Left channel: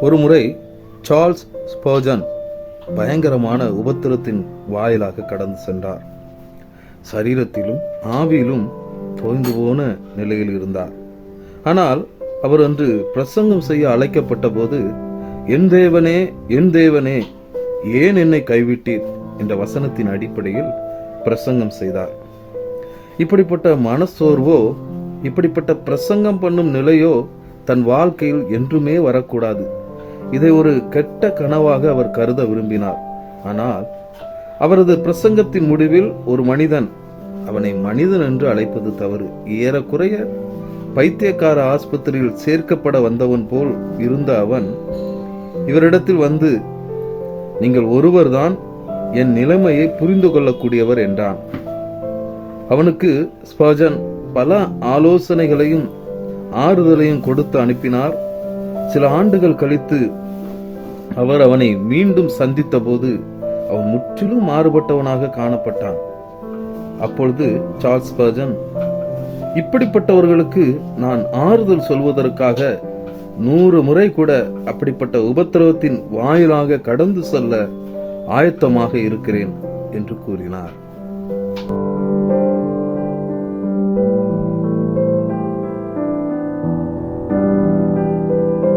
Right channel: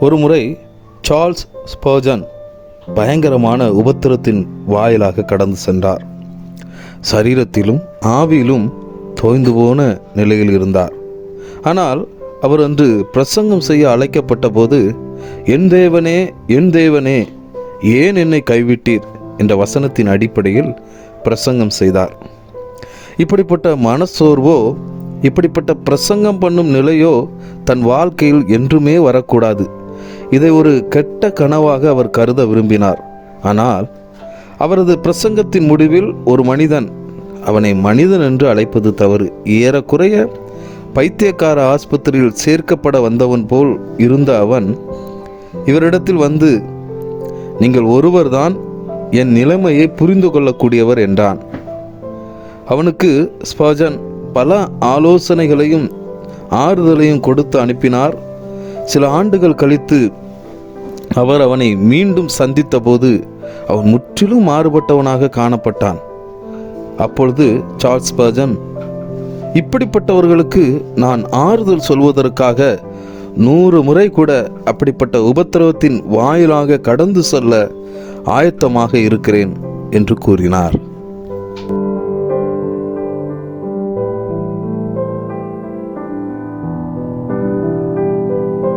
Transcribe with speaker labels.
Speaker 1: ஒருமுறை Charles Spurgeon பயங்கரமான உபத்திரத்தின் வாயிலாக கடந்து சென்றார். சரீரத்திலும் ஆவியிலும் தோய்ந்து போன நிலையில் இருந்தார். ஆனால் அவர் அன்று பிரசங்கம் செய்ய அழைக்கப்பட்ட போது என் தேவனே என் தேவனே ஏன் என்னை கைவிட்டீர்? என்ற வசனத்தின் அடிப்படையில் பிரசங்கம் செய்தார். இப்படிப்பட்ட மனசோர்வோ இப்படிப்பட்ட பிரசங்கம் பண்ணும் நிலையோ தன் வாழ்க்கையில் என்றுமே வரக்கூடாது. இதை ஒரு கெட்ட கனவாக அவர் கருத விரும்பினார். ஆனால் அவரது பிரசங்கத்தின் முடிவில் ஒரு மனிதன் அவனை மனிதன் என்று அழைப்பது தவறு. ஏறக்குறைய பைத்தியக்கார ஆஸ்பத்திரியில் சேர்க்கப்பட வந்தவன் போல் இருந்த அவன் இவரிடத்தில் வந்து நீங்கள் ஒருவர்தான் என் நிலைமையை புரிந்து கொள்ளக்கூடியவர் என்றான். அவனுக்கு ஸ்பாஜன் பல ஆலோசனைகளையும் ஆறுதலையும் கொடுத்து அனுப்பினார். சில ஆண்டுகள் கழித்து அவர் அவனை மீண்டும் சந்தித்தபோது அவன் முற்றிலும் மாறுபட்டவனாக காணப்பட்டான். அப்பொழுது சார்ல்ஸ் பர்ஜன் இப்படிப்பட்டவர்களுக்கு நான் ஆறுதல் சொல்வதற்காக நூறு முறை கூட அப்படிப்பட்ட உபத்திரவத்தின் வாயிலாக கடந்து செல்ல ஆயத்தமாக இருக்கிறேன் என்று கூறினார்.